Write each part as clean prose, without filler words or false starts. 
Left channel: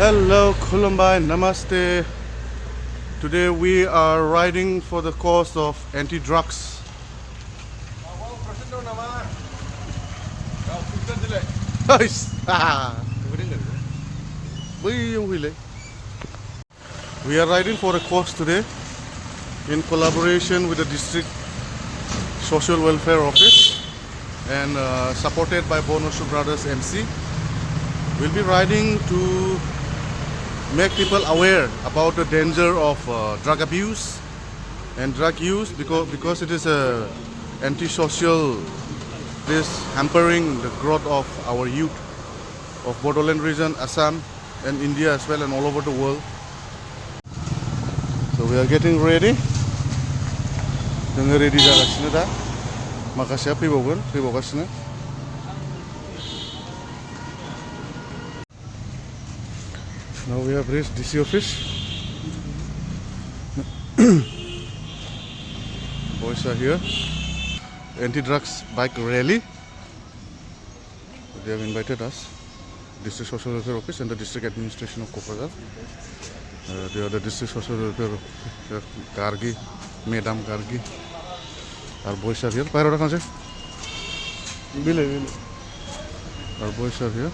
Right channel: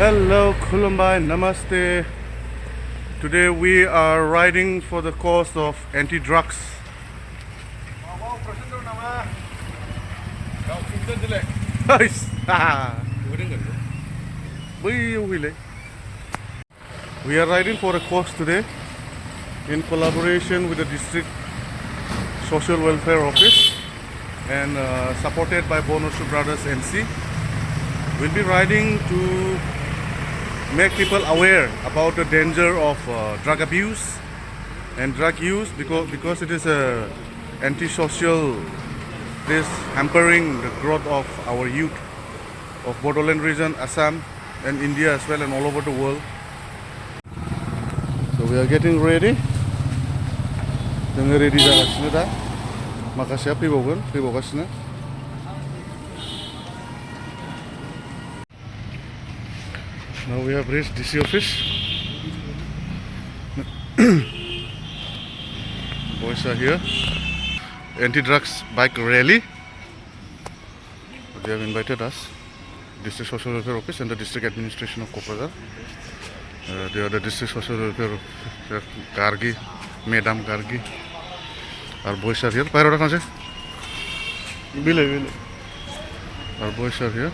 Hello, Kulumbai, Namaste. Today we are riding for the cause of anti-drugs. We are riding for a cause today in collaboration with the District Social Welfare Office and supported by Bonoshu Brothers MC. We'll be riding to make people aware about the danger of drug abuse and drug use because it is a antisocial, this hampering the growth of our youth of Bodoland region, Assam and India as well and all over the world. So we are getting ready. जोङो ready जागासिनो दा माखासेया फैबावगासिनो. Now we have reached DC office. Boys are here. Anti-drugs bike rally. They have invited us. District Social Welfare Office and the District Administration of Koprajar. They are the District Social Welfare Officer Gargi, Madam Gargi. Our boys are here. Pyro Rakanse. Bile. Our boys are here.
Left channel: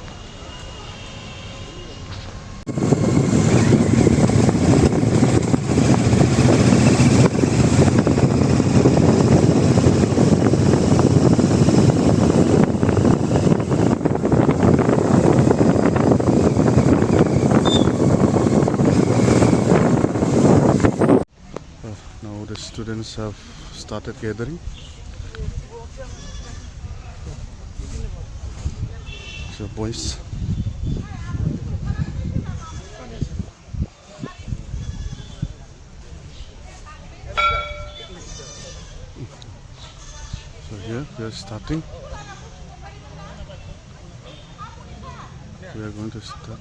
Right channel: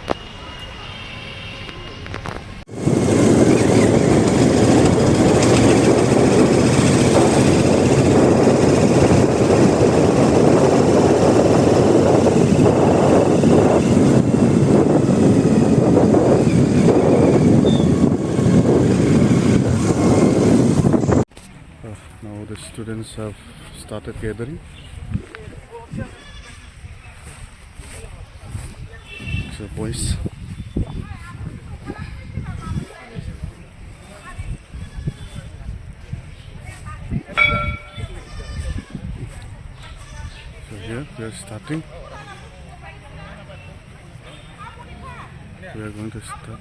Now the students have started gathering. The boys. So here we are starting. We are going to start.